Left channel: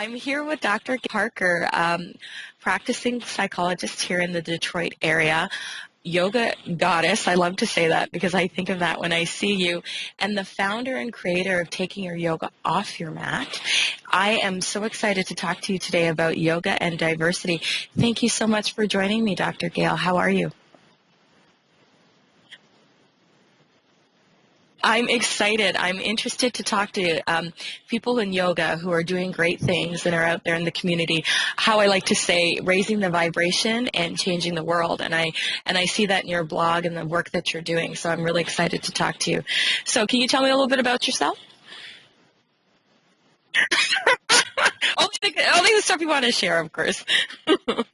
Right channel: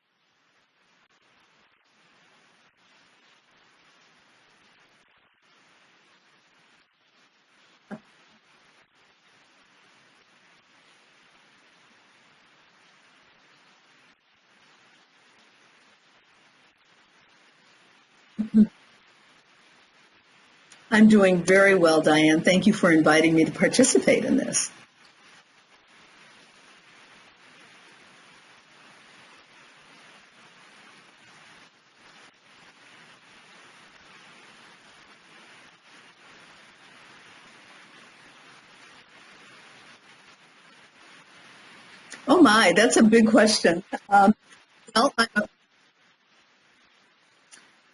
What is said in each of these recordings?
I'm here with Dr. Gail Parker, practicing psychologist here in the Detroit area. Yoga goddess, I love to say that because I think of that when I see you, and the founder and creator of Taking Your Yoga Off Your Mat. I am so excited to talk to you today about yoga and diversity. Thank you so much for joining me, Dr. Gail. How are you? I'm doing very well, Diane. Thank you for inviting me to participate in this. I'm excited. I'm interested to talk to people in yoga who are doing great things and are out there in the community. How I like to say, raising the vibration and changing the world. And I see that in your blog and the work that you're doing. So I'm really excited to talk to you. So can you tell me a little bit about yourself? Oh my, that's a big question. Only the stuff you want to share, of course.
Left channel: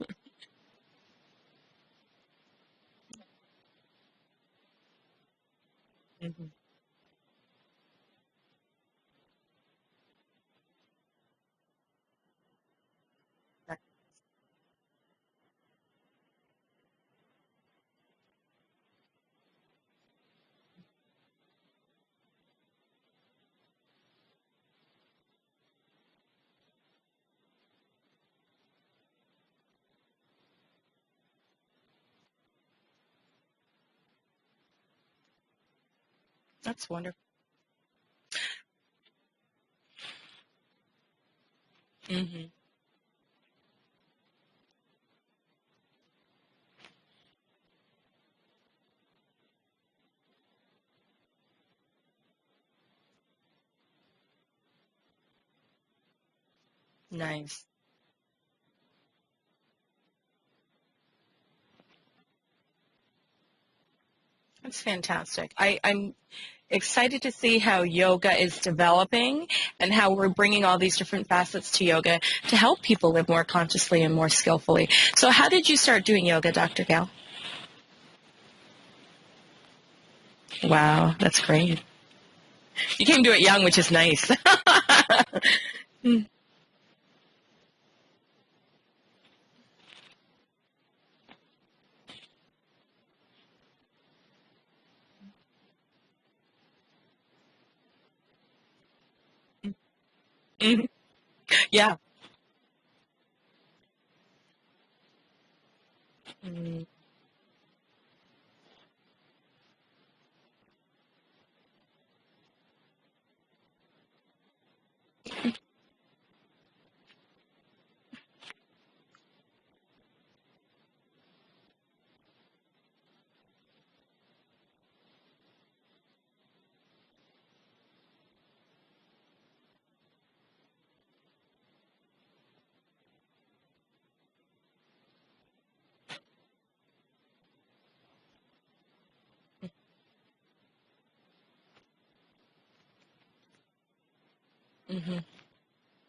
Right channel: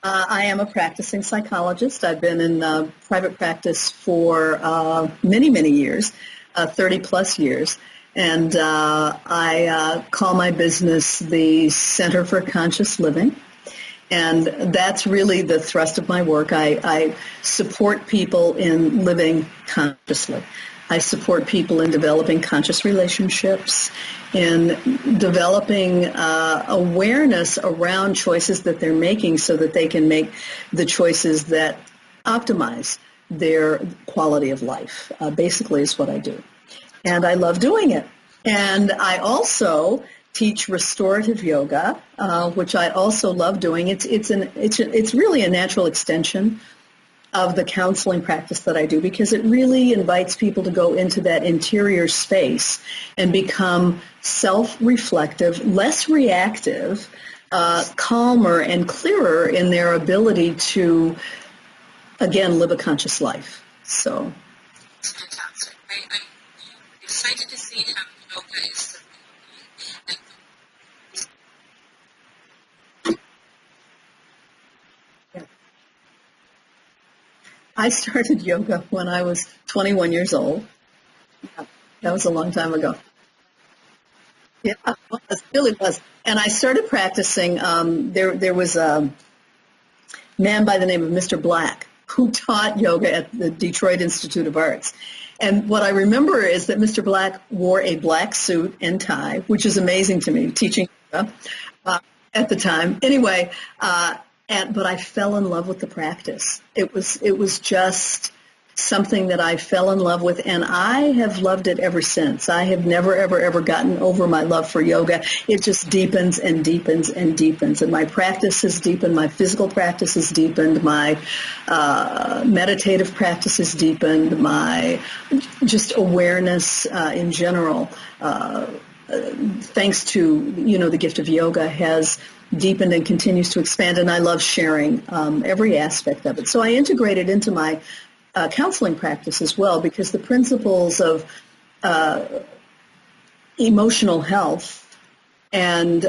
I am a practicing psychologist. I've been in private practice for many, many years, 30 plus years. And I call my business the Center for Conscious Living. And that's really the thrust of my work. I support people in living consciously. I support people in developing conscious relationships, in developing awareness around choices that they're making so that they can make the choices that optimize their quality of life, basically is what I do. That's wonderful. And I love doing it. And I also teach restorative yoga, which I also love doing. It's really a natural extension of the counseling practice that I do because it really invites people to go into that interior space and become self-reflective, less reactive, calmer and clearer in their ability to, again, live a conscious life. So that's fantastic. I'm excited to see how yoga is developing and how we're bringing all these different facets to yoga to help people live more consciously and more skillfully. So how did you start doing yoga, Dr. Gail? I started yoga when I was 21 years old. Wow, that's great. That was a long time ago. You came to it young, which is nice. Yeah, it really was. And I started practicing. There was a man by the name of Mr. Black who taught yoga at the Detroit Institute of Arts. And what I remember is that Mr. Black wore a black suit and tie, which is amazing to me, teaching yoga at the time. Anyway, but I fell in love with the practice. It was just something that I fell in love with, and I have loved it ever since. I have never, ever, ever gotten over my love for yoga. It just deepens and deepens and deepens, and my practice has deepened. My physical practice has deepened. My meditative practice has deepened. My just awareness in general, thanks to the gift of yoga, has deepened and continues to expand, and I love sharing every aspect of it. So I integrate it into my counseling practice as well because the principles of emotional health and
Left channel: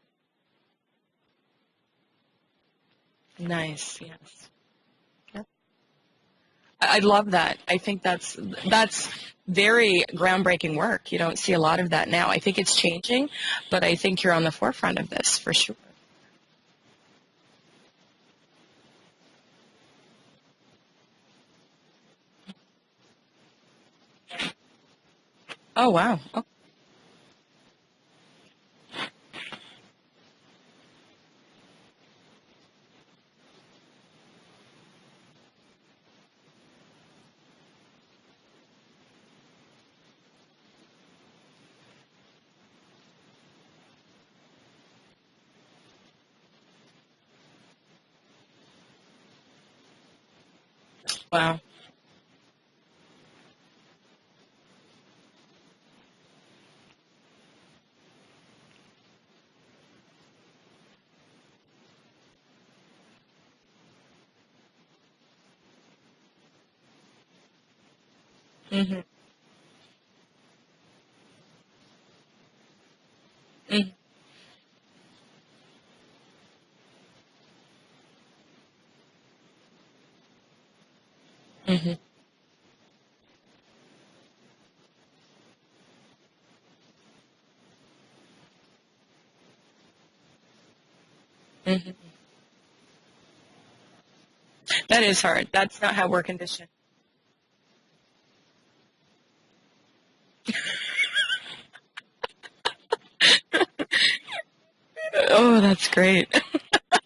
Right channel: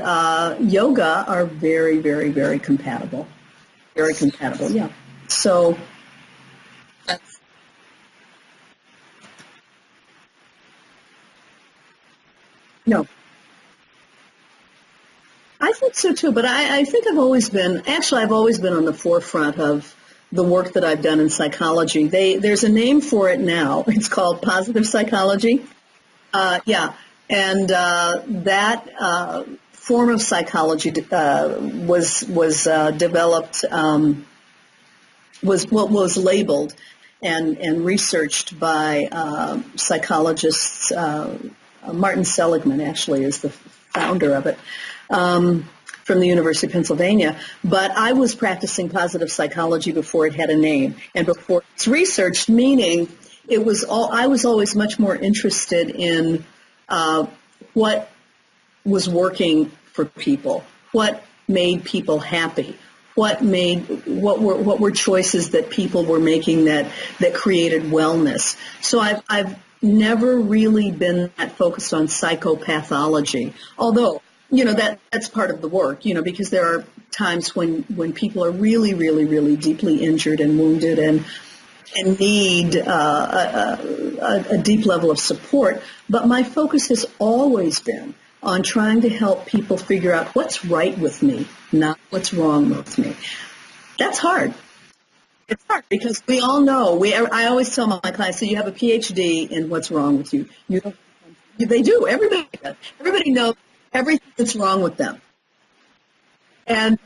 yoga are very, very, very compatible. Nice. Very compatible, yeah. So I love that. I think that's very groundbreaking work. You don't see a lot of that now. I think it's changing, but I think you're on the forefront of this for sure. I think so too, but I think I've always been on the forefront of the work that I've done in psychology. There's a name for it now. It's called positive psychology. Oh, wow. Yeah. And that form of psychology was developed, was labeled and researched by psychologists. Martin Seligman actually is the founder of it. From the University of Pennsylvania, but I was practicing positive psychology before it had a name and before it's researched, meaning I was always much more interested in what was working for people, what made people happy, what were choices that people were making that created wellness. So I've never really been that focused on psychopathology, although that's part of the work, because there are times when people are really, really, really deeply injured and wounded and need a deep level of support. But my focus has always been on trying to help people figure out what's right with me, not what's wrong with me. That's hard. That is hard. That's not because how we're. We all know. I always tell my clients, so you have a PhD in what's wrong with you. They do. Everybody knows everything that's wrong with them. Oh, that's great. And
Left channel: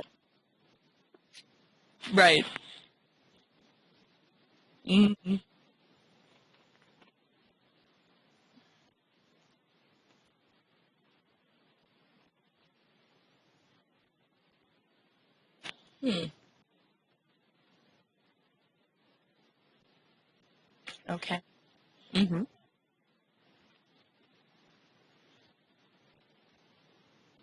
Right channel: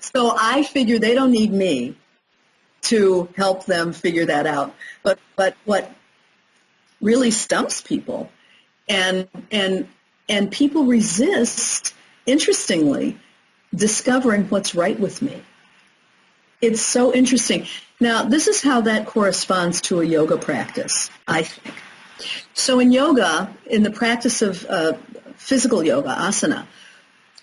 so I figure they don't need me Right. to help them figure that out. Mm-hmm. But what really stumps people, and people resist, interestingly, discovering what's right with me. It's so interesting. Now, this is how that corresponds to a yoga practice, Okay. I think. Mm-hmm. So in yoga, in the practice of physical yoga, asana,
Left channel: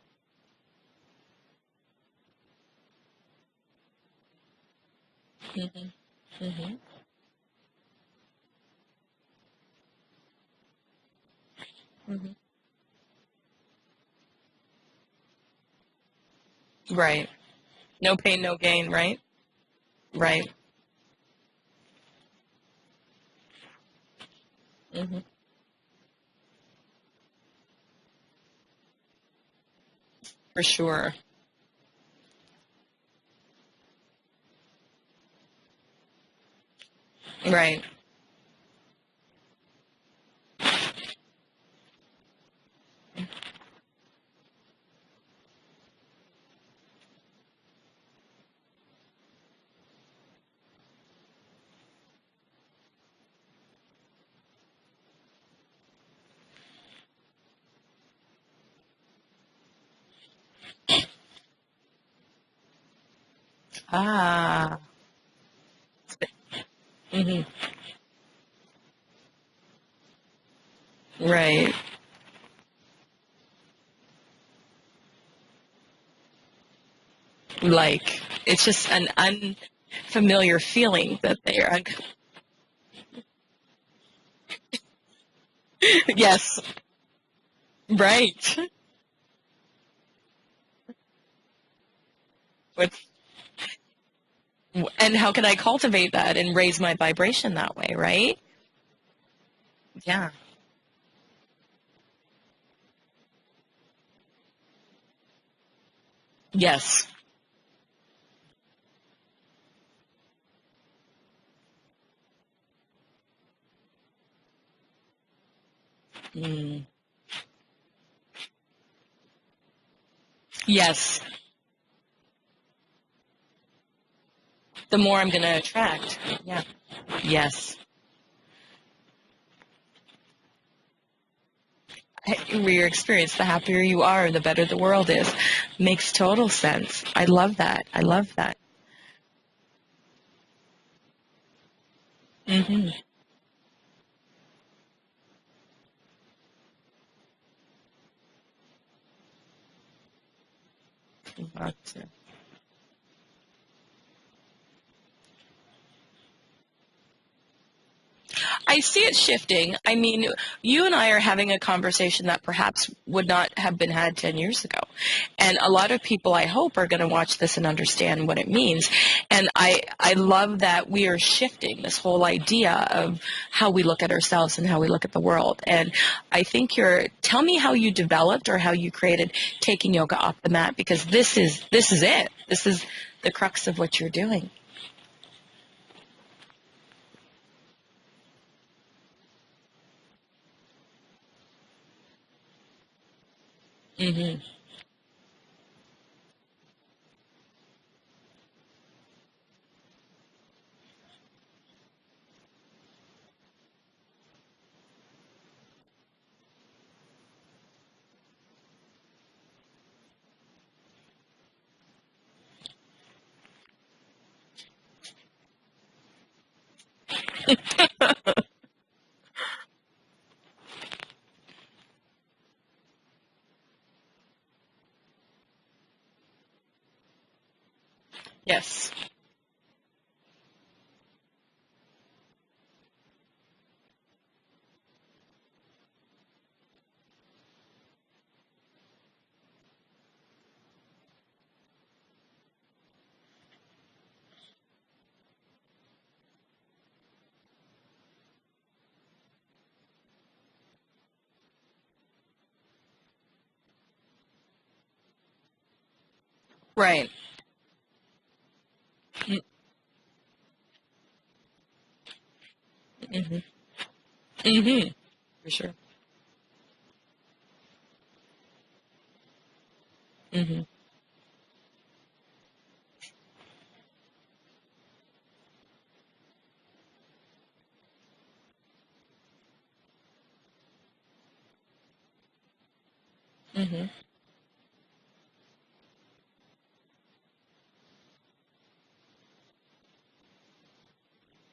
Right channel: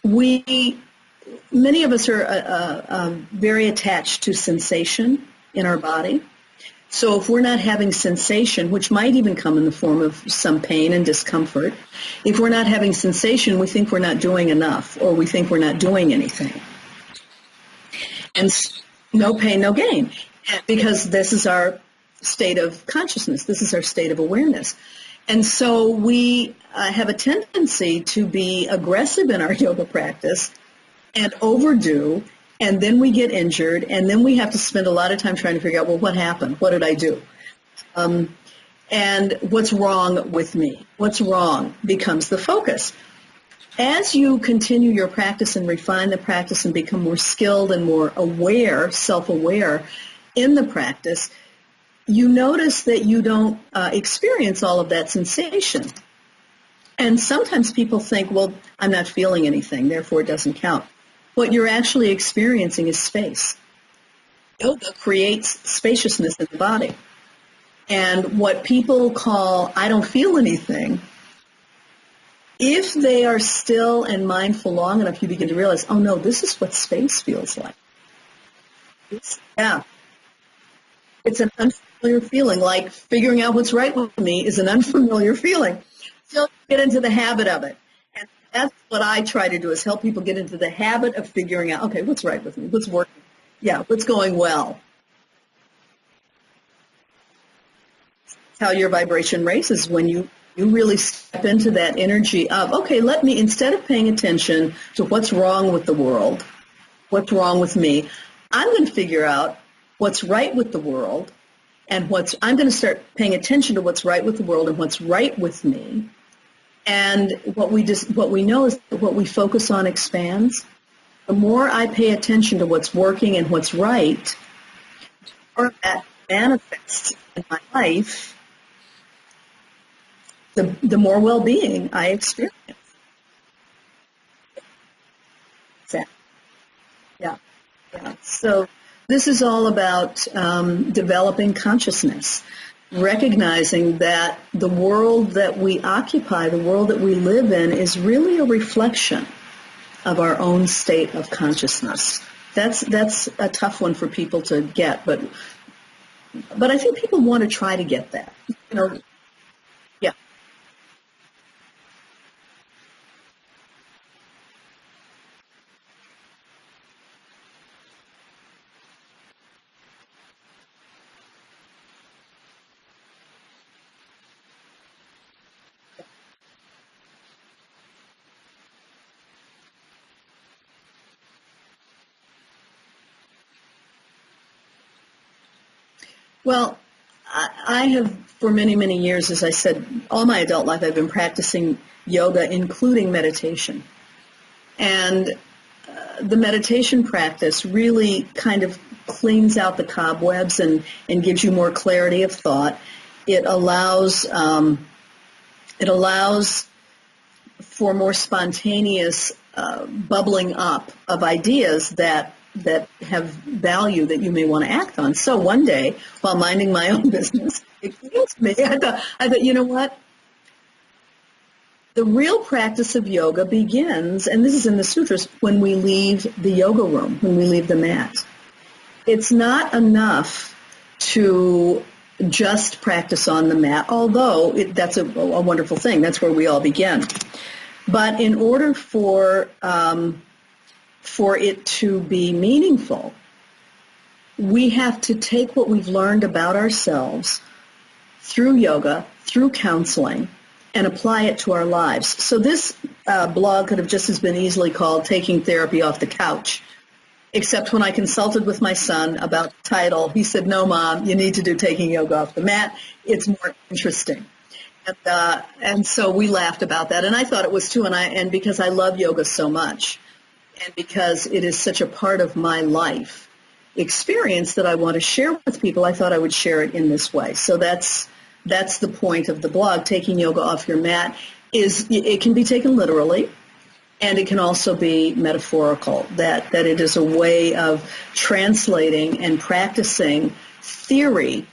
many of us are very attached to sensation in our body. Mm-hmm. So if we're not having sensation, which might even come in the form of some pain and discomfort, if we're not having sensation, we think we're not doing enough, or we think we're not doing anything. Right. No pain, And no gain, right? No pain, no gain. Right. Because this is our state of consciousness. This is our state of awareness. Mm-hmm. And so we have a tendency to be aggressive in our yoga practice. For sure. And overdo, and then we get injured, and then we have to spend a lot of time trying to figure out, well, what happened? What did I do? Right. And what's wrong with me? What's wrong becomes the focus. As you continue your practice and refine the practice and become more skilled and more aware, self-aware in the practice, you notice that you don't experience all of that sensation. And sometimes people think, well, I'm not feeling anything, therefore it doesn't count. What you're actually experiencing is space. Yoga creates spaciousness in the body. Mm-hmm. And what people call, I don't feel anything, Right. if they are still and mindful long enough, you begin to realize, oh no, this is what space feels like. Like, it's just an Yeah. unfamiliar feeling. It's an unfamiliar feeling, like figuring out what's right with me is an unfamiliar feeling. Yes. So get into the habit of it. Right. That's what I try to do, is help people get into the habit of figuring out, okay, what's right with me? What's working? Yeah, what's going well? And how can I cultivate that and raise my vibration that way, right? How your vibration raises when you really step into that energy of, okay, instead of paying attention to what's wrong with the world, Yes. what's wrong with me, I'm going to figure out what's right with the world, and I'm going to start paying attention to what's right with the world and what's right with me. And what we know is that what we focus on expands. Yes. The more I pay attention to what's working and what's right, The more I'm going to attract. manifests in Yes. my life, the more well-being I experience. Your experience, the happier you are, the better the world is. Makes total sense. I love that. I love that. So this is all about developing consciousness, recognizing that the world that we occupy, the world that we live in, is really a reflection of our own state of consciousness. That's a tough one for people to get, but I think people want to try to get that. I see it shifting. I mean, you and I are having a conversation that perhaps would not have been had 10 years ago. And a lot of people, I hope, are going to watch this and understand what it means. And I love that we are shifting this whole idea of how we look at ourselves and how we look at the world. And I think tell me how you developed or how you created taking yoga off the mat, because this is it. This is the crux of what you're doing. Well, I have, for many, many years, as I said, all my adult life, I've been practicing yoga, including meditation. And the meditation practice really kind of cleans out the cobwebs and gives you more clarity of thought. It allows for more spontaneous bubbling up of ideas that have value that you may want to act on. So one day, while minding my own business, I thought, you know what? The real practice of yoga begins, and this is in the sutras, when we leave the yoga room, when we leave the mat. Yes. It's not enough to just practice on the mat, although that's a wonderful thing. That's where we all begin. But in order for it to be meaningful, we have to take what we've learned about ourselves through yoga, through counseling, and apply it to our lives. So this blog could have just as been easily called Taking Therapy Off the Couch. Right. Except when I consulted with my son about the title, he said, "No, Mom, you need to do Taking Yoga Off the Mat. It's more interesting." Mm-hmm. And so we laughed about that, and I thought it was too. And because I love yoga so much, and because it is such a part of my life experience that I want to share with people, I thought I would share it in this way. So that's the point of the blog. Taking yoga off your mat it can be taken literally. And it can also be metaphorical, that it is a way of translating and practicing theory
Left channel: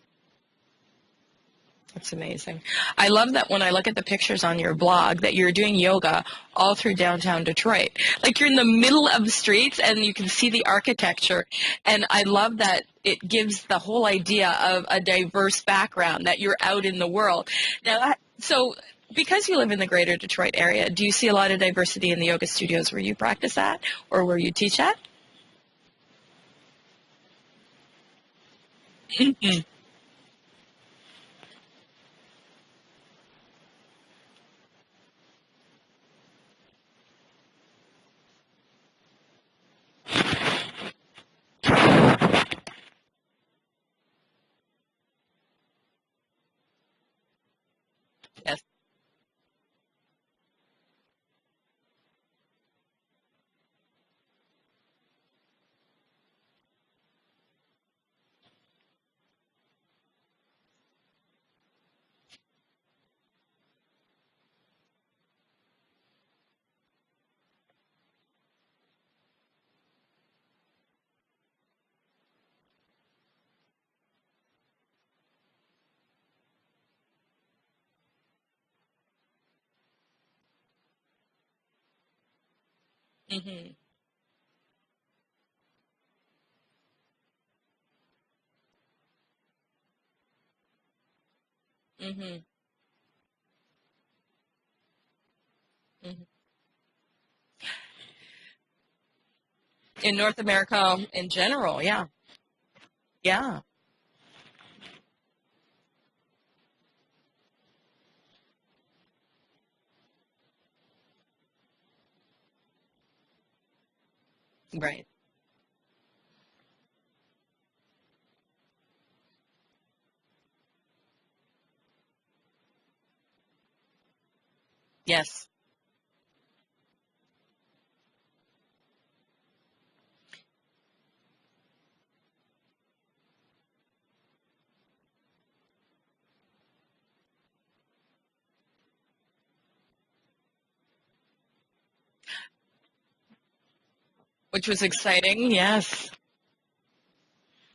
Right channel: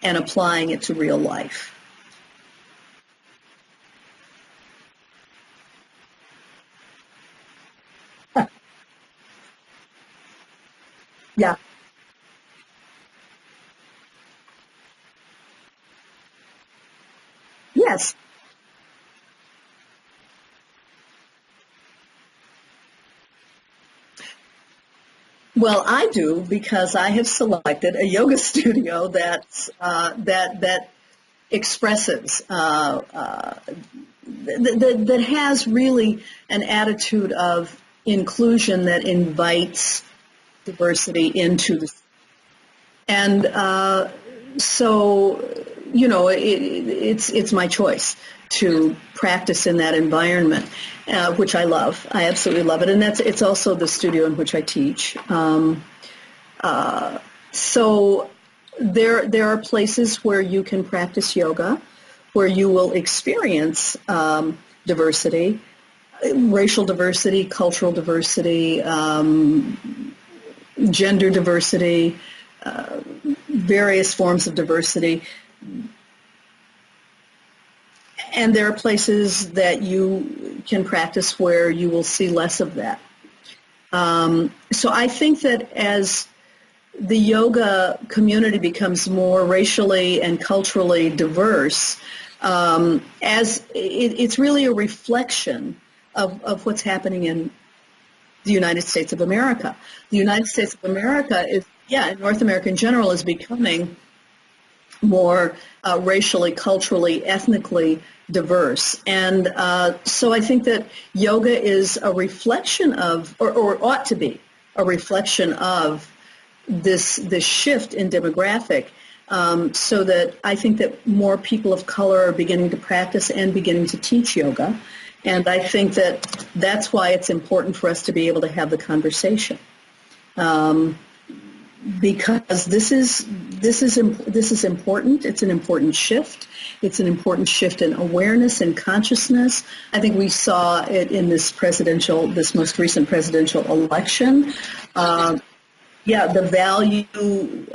and applying it to real life. That's amazing. I love that when I look at the pictures on your blog that you're doing yoga all through downtown Detroit. Like you're in the middle of the streets and you can see the architecture. Yeah. And I love that it gives the whole idea of a diverse background, that you're out in the world. Yes. Now, so because you live in the greater Detroit area, do you see a lot of diversity in the yoga studios where you practice at or where you teach at? Well, I do, because I have selected a yoga studio that expresses that has really an attitude of inclusion that invites diversity into it. And so, it's my choice to practice in that environment, which I love. I absolutely love it, and it's also the studio in which I teach. So there are places where you can practice yoga, where you will experience diversity, racial diversity, cultural diversity, gender diversity, various forms of diversity. And there are places that you can practice where you will see less of that. So I think that as the yoga community becomes more racially and culturally diverse, as it's really a reflection of what's happening in the United States of America. In the North United States of America in general, North America in general is becoming more racially, culturally, ethnically diverse. And so I think that yoga is a reflection of, or ought to be, a reflection of this shift in demographic, so that I think that more people of color are beginning to practice and beginning to teach yoga. Yes. And I think that that's why it's important for us to be able to have the conversation. Because this is important. It's an important shift. It's an important shift in awareness and consciousness. I think we saw it in this most recent presidential election, which was exciting. Yes. Yeah, the value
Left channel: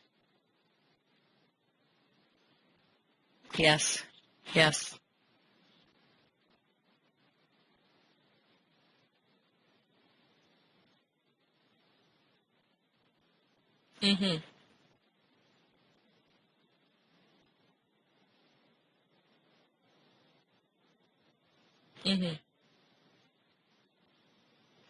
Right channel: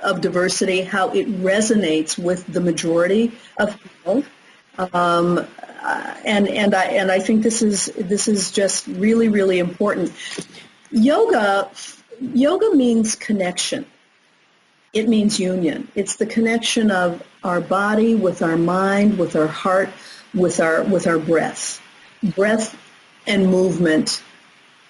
of diversity, how it resonates with the majority of people. Yes. And I think this is just really, really important. Yoga means connection. It means union. It's the connection of our body with our mind, with our heart, with our breath. Breath and movement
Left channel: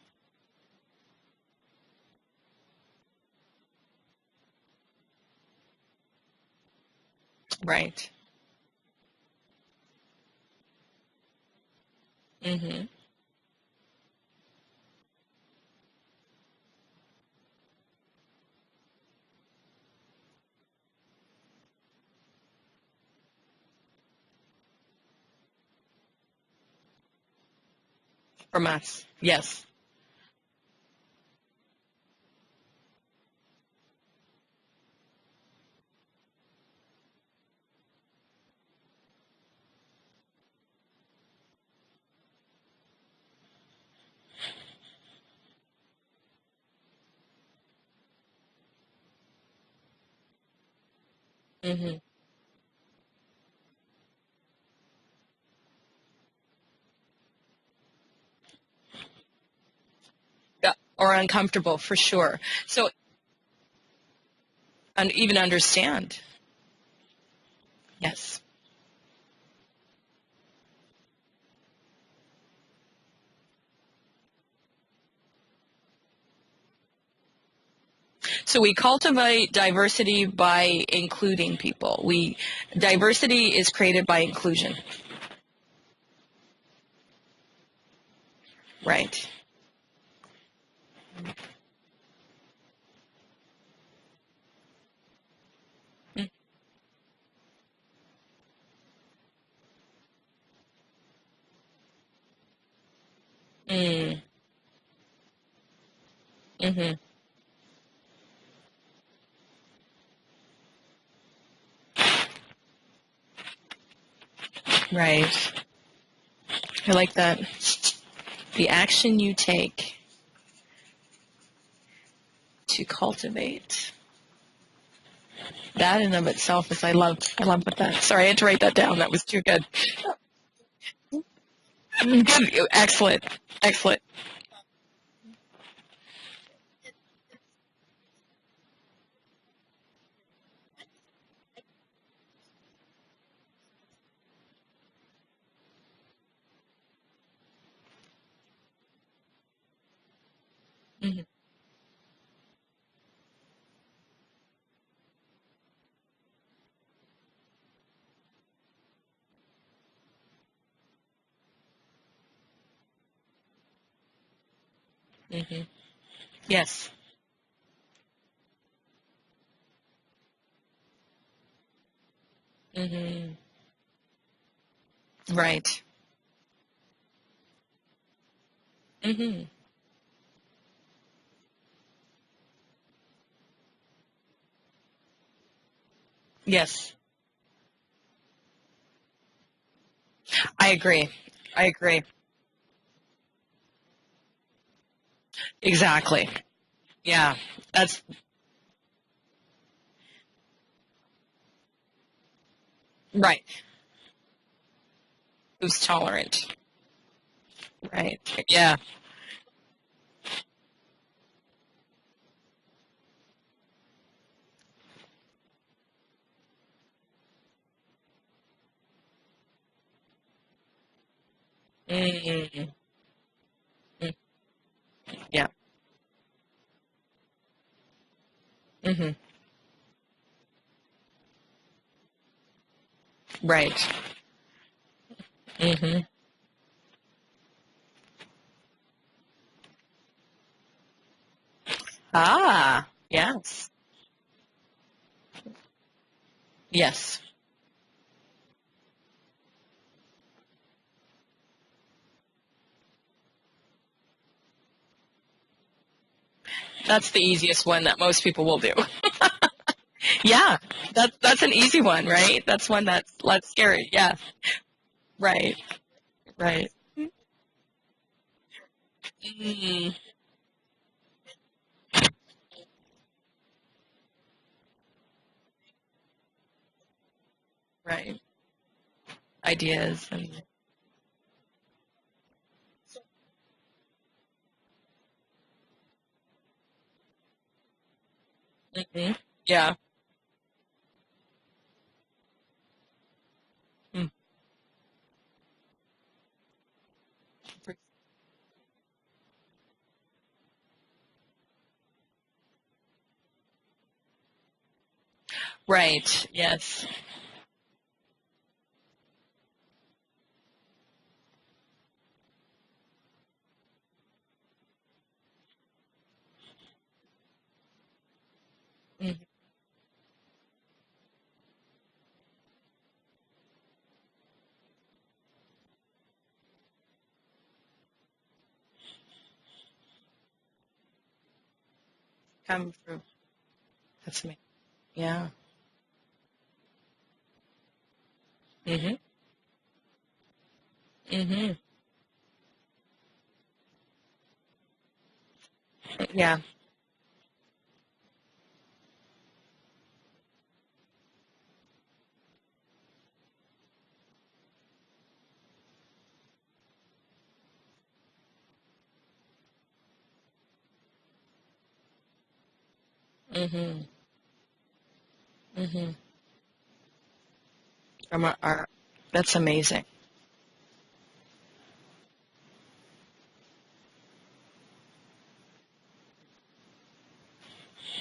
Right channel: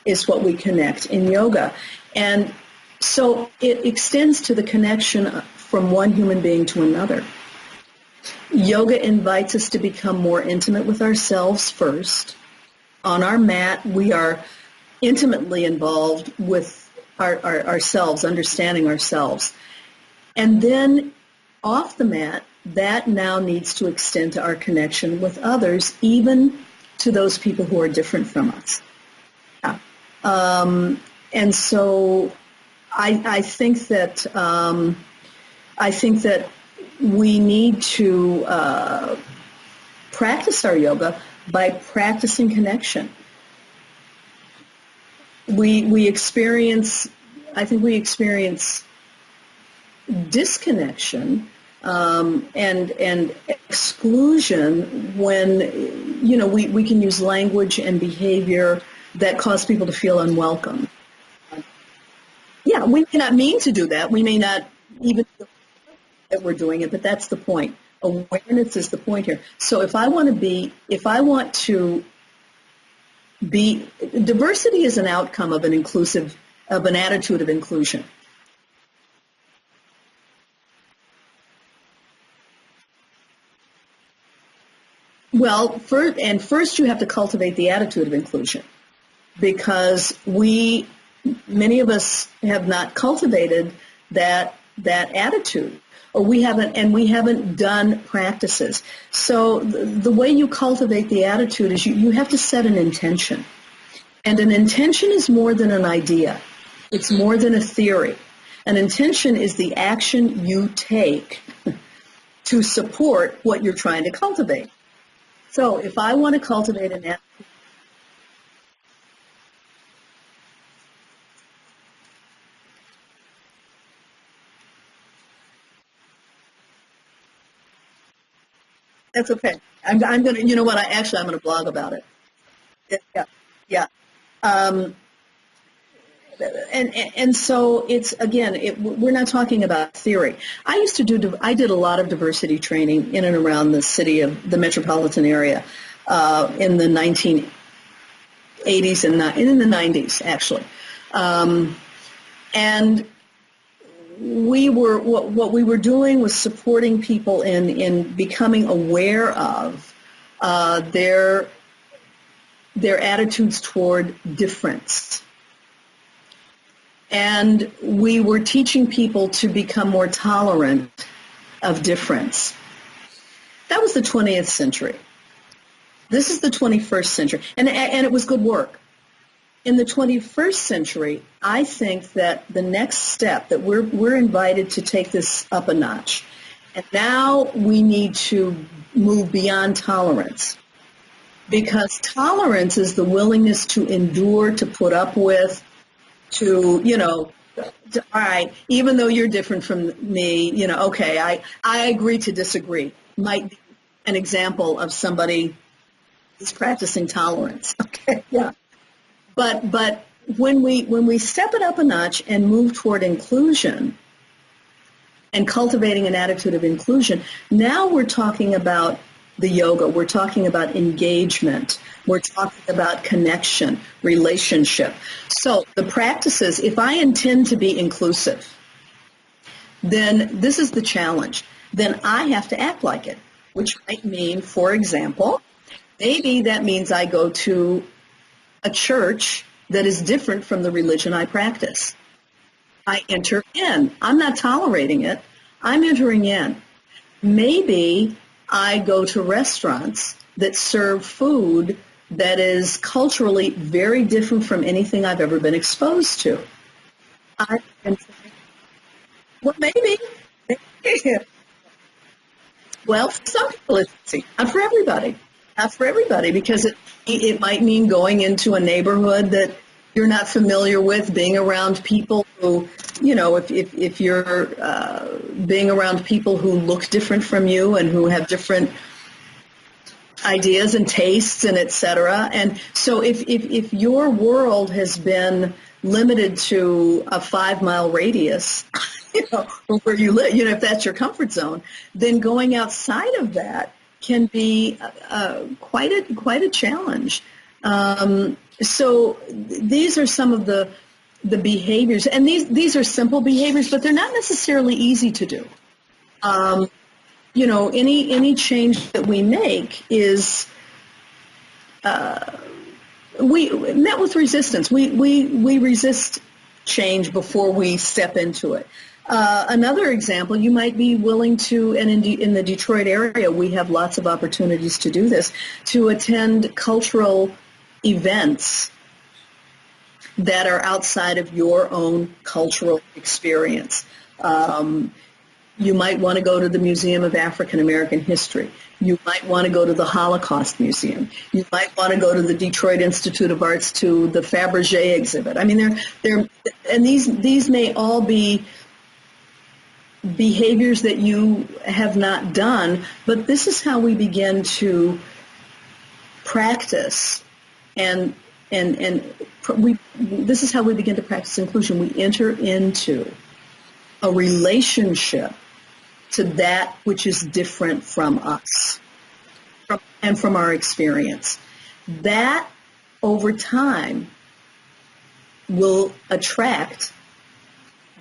is what we connect in yoga. And so it extends to the connection from one human being to another. Right. Yoga invites us to become more intimate with ourselves first. On our mat, we are intimately involved with ourselves, understanding ourselves. And then off the mat, that now needs to extend to our connection with others, even to those people who are different from us. Yes. And so I think that we need to practice our yoga by practicing connection. We experience disconnection and exclusion when we can use language and behavior that cause people to feel unwelcome or uncomfortable, for sure. Yeah, so, we may not mean to do that. We may not even understand that we're doing it, but that's the point. Yes. Awareness is the point here. So if I want to be, diversity is an outcome of an attitude of inclusion. So we cultivate diversity by including people. Diversity is created by inclusion. Well, first you have to cultivate the attitude of inclusion. Right. Because we many of us have not cultivated that attitude, or we haven't done practices. So the way you cultivate the attitude is you have to set an intention. And an intention is more than an idea. It's more than a theory. An intention is the action you take to support what you're trying to cultivate. Right. So if I want to cultivate, I like that. The action you take to cultivate. That in of itself is, I love what that. Sorry, I had to write that down. That was that's too okay. good. I'm going to, you know what, I'm going to blog about it. Good. Excellent. Yeah. Excellent. Yeah. And so it's, again, we're not talking about theory. I did a lot of diversity training in and around the city of the metropolitan area in the 1980s and in the 90s, actually. And what we were doing was supporting people in becoming aware of their attitudes toward difference. Yes. And we were teaching people to become more tolerant of difference. That was the 20th century. Right. This is the 21st century. And it was good work. In the 21st century, I think that the next step, that we're invited to take this up a notch. Yes. And now we need to move beyond tolerance. I agree. Because tolerance is the willingness to endure, to put up with. Exactly. To, That's all right, even though you're different from me, okay, I agree to disagree. Right. Might be an example of somebody who's tolerant. who's practicing tolerance. Right. Yeah. But when we step it up a notch and move toward inclusion and cultivating an attitude of inclusion, now we're talking about the yoga, we're talking about engagement, we're talking about connection, relationship. Yeah. So the practices, if I intend to be inclusive, then this is the challenge. Then I have to act like it. Right. Which might mean, for example, maybe that means I go to a church that is different from the religion I practice. I enter in. I'm not tolerating it. I'm entering in. Yes. Maybe I go to restaurants that serve food that is culturally very different from anything I've ever been exposed to. That's the easiest one that most people will do. Well, maybe. Yeah. That's an easy one, right? That's one that's less scary. Yeah. Not for everybody. Right. Not for everybody, because it might mean going into a neighborhood that you're not familiar with, being around people who, if you're being around people who look different from you and who have different ideas and tastes and et cetera. And so if your world has been limited to a 5-mile radius, where you live, if that's your comfort zone, then going outside of that can be quite a challenge. So these are some of the behaviors, and these are simple behaviors, but they're not necessarily easy to do. Right. Yes. Any change that we make is we met with resistance. We resist change before we step into it. Another example, you might be willing to, and in the Detroit area, we have lots of opportunities to do this, to attend cultural events that are outside of your own cultural experience. You might want to go to the Museum of African American History. You might want to go to the Holocaust Museum. You might want to go to the Detroit Institute of Arts to the Fabergé exhibit. I mean, and these may all be behaviors that you have not done, but this is how we begin to practice this is how we begin to practice inclusion. We enter into a relationship to that which is different from us. That's amazing. And from our experience. That, over time, will attract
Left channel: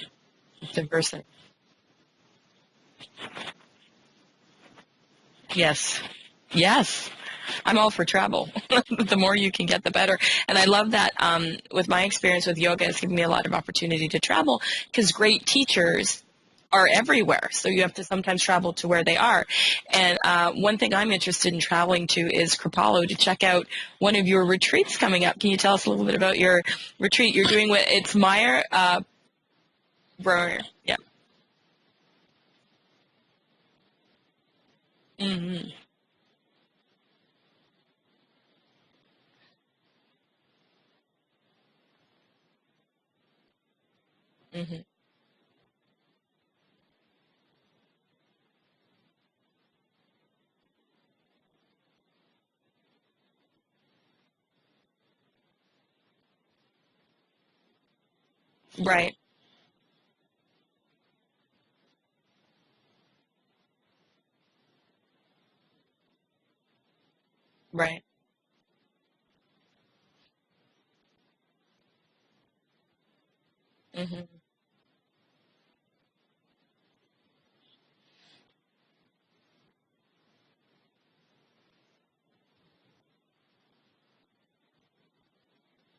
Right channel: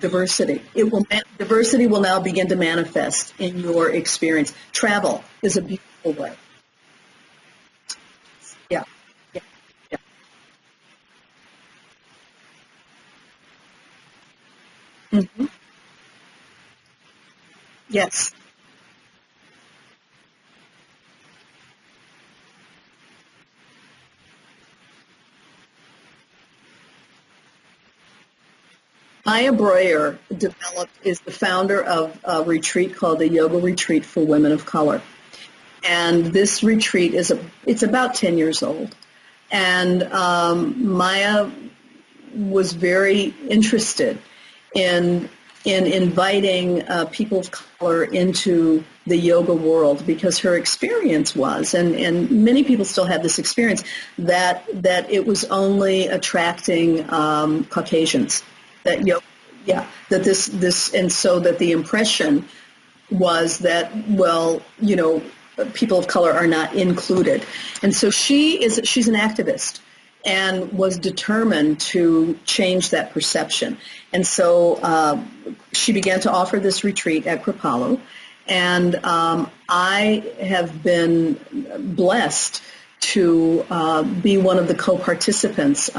diversity. Diversity will now begin to manifest in your experience. Travel is a beautiful way. Yes. I'm all for travel. Yeah. The more you can get, the better. And I love that with my experience with yoga, it's given me a lot of opportunity to travel because great teachers are everywhere. So you have to Yes. sometimes travel to where they are. And one thing I'm interested in traveling to is Kripalu to check out one of your retreats coming up. Can you tell us a little bit about your retreat you're doing with, it's Maya Breuer Breuer. Yeah. is the founder of a retreat called the Yoga Retreat for Women of Color. And this retreat it's about 10 years old. And Maya was very interested in inviting people of color into the yoga world because her experience was, and many people still have this experience, that it was only attracting Caucasians. That Right. yoga, yeah, that this, and so that the impression was that, well, people of color are not included. Right. And so she's an activist and was determined to change that perception. And so she began to offer this retreat at Kripalu, and I have been blessed to be one of the co-participants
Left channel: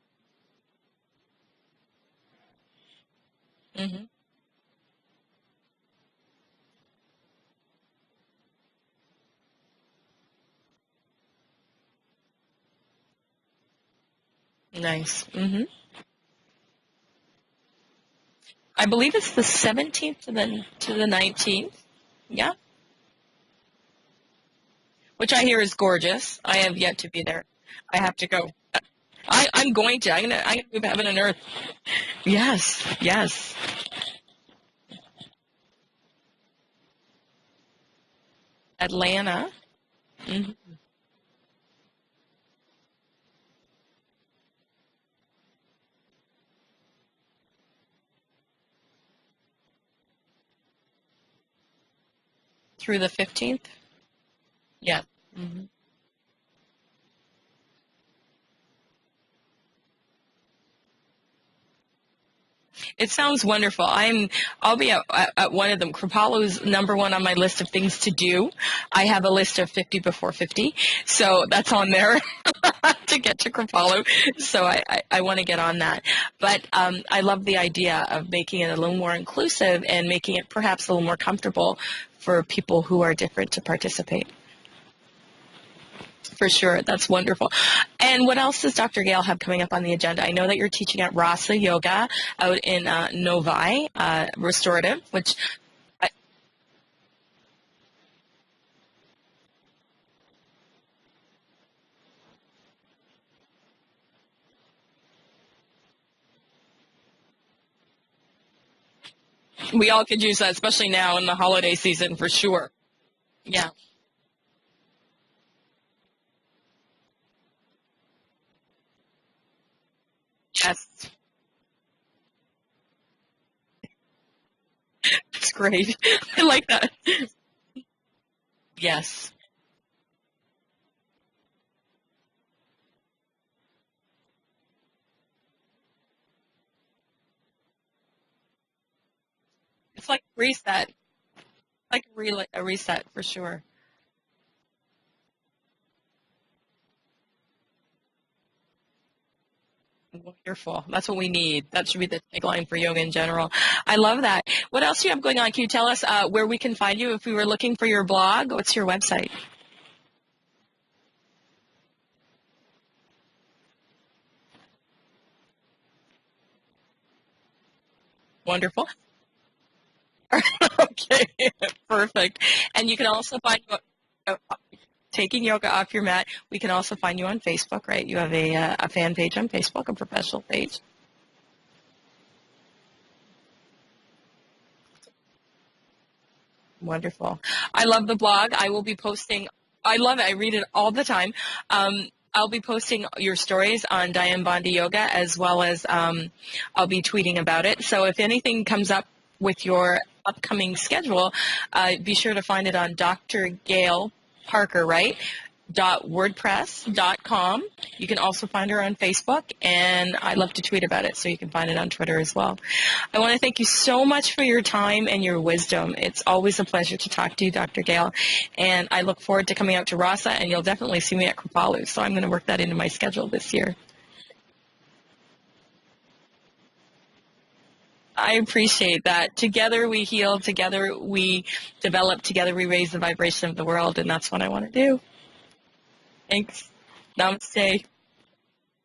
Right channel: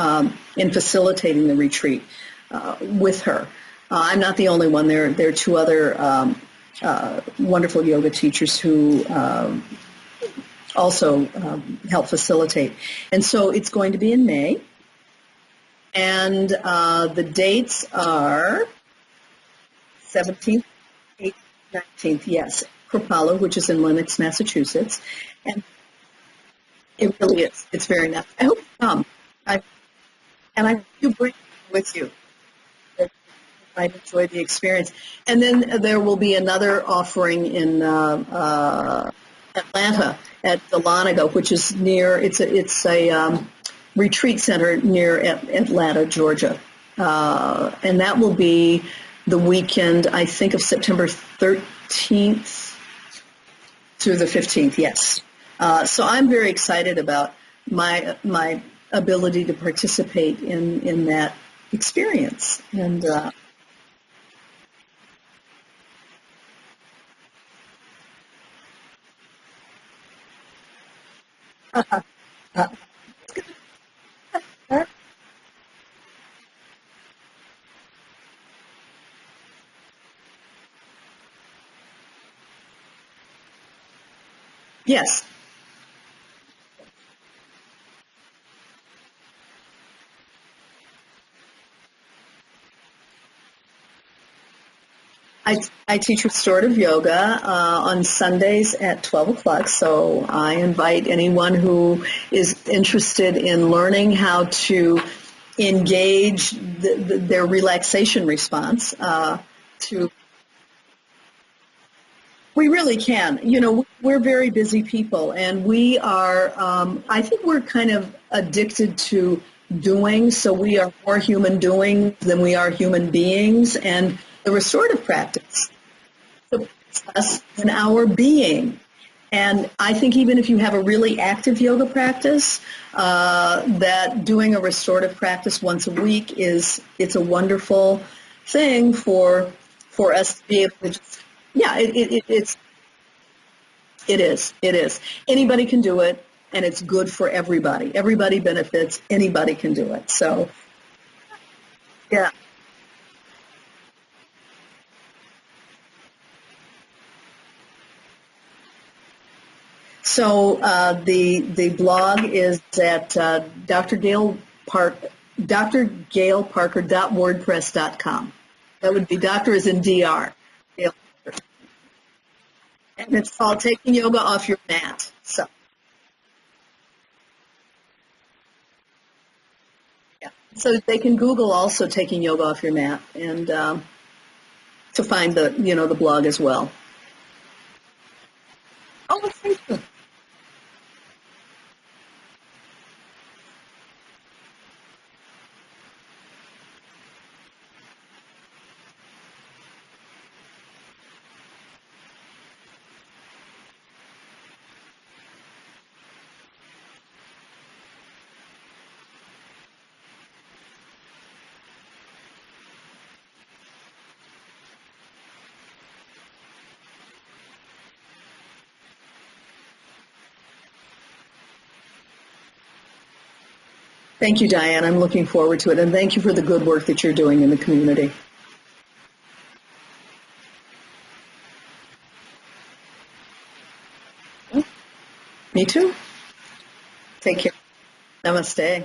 in facilitating the retreat with her. I'm not the only one. There are two other wonderful yoga teachers who also help facilitate. And so it's going to be in May. Nice. And the dates are I believe it's the 17th 17th to the 19th. 19th, yes. Kripalu, which is in Lenox, Massachusetts. Which I hear is gorgeous. I have yet to It be really there. is. It's I very have nice. to go. I hope you come. I'm going to. I'm And I going to heaven and earth. with you. Yes. Yes. I enjoyed the experience. And then there will be another offering in Atlanta. at the Lanago, which is near. It's a retreat center near Atlanta, Georgia, and that will be the weekend, I think, of September 13th Through the 15th. through the 15th. Yes. So I'm very excited about my ability to participate in that experience. And It sounds wonderful. I'll be at one of them. Kripalu's number one on my list of things to do. I have a list of 50 before 50, so that's on there to get to Kripalu. So I want to get on that. But I love the idea of making it a little more inclusive and making it perhaps a little more comfortable for people who are different to participate. yes. For sure. That's wonderful. And what else does Dr. Gail have coming up on the agenda? I know that you're teaching at Rasa Yoga out in Novi, restorative, which I teach restorative yoga on Sundays at 12 o'clock, so I invite anyone who is interested in learning how to engage their relaxation response. we all could use that, especially now in the holiday season, for sure. We really can. You know, we're very busy people, and we are, I think we're kind of addicted to doing, so we are more human doing than we are human beings, and the restorative practice. Great. I like that. In our being. Yes. And I think even if you have a really active yoga practice, that doing a restorative practice once a week it's a wonderful thing for like us to be able to. Yeah, it's a reset for sure. It is. Anybody can do it, and it's good for everybody. Everybody benefits. Anybody can do it. So wonderful. That's what we need. That should be the tagline for yoga in general. I love that. What else do you have going on? Can you tell us where we can find you if we were looking for your blog? What's your website? So the blog is at drgailparker.wordpress.com. Wonderful. That would be doctor as in DR. Okay, perfect. And you can also find taking yoga off your mat. Yoga off your mat. We can also find you on Facebook, right? You have a fan page on Facebook, a professional page. So they can Google also taking yoga off your mat and to find the blog as well. Wonderful. I love the blog. I will be posting. I love it. I read it all the time. I'll be posting your stories on Dianne Bondy Yoga as well as I'll be tweeting about it. So if anything comes up with your upcoming schedule, be sure to find it on Dr. Gail Parker, right? wordpress.com. You can also find her on Facebook, and I love to tweet about it, so you can find it on Twitter as well. I want to thank you so much for your time and your wisdom. It's always a pleasure to talk to you, Dr. Gail, and I look forward to coming out to Rasa, and you'll definitely see me at Kripalu, so I'm going to work that into my schedule this year. Thank you, Dianne. I'm looking forward to it, and thank you for the good work that you're doing in the community. I appreciate that. Together we heal, together we develop, together we raise the vibration of the world, and that's what I want to do. Me too. Thanks. Take care. Namaste. Namaste.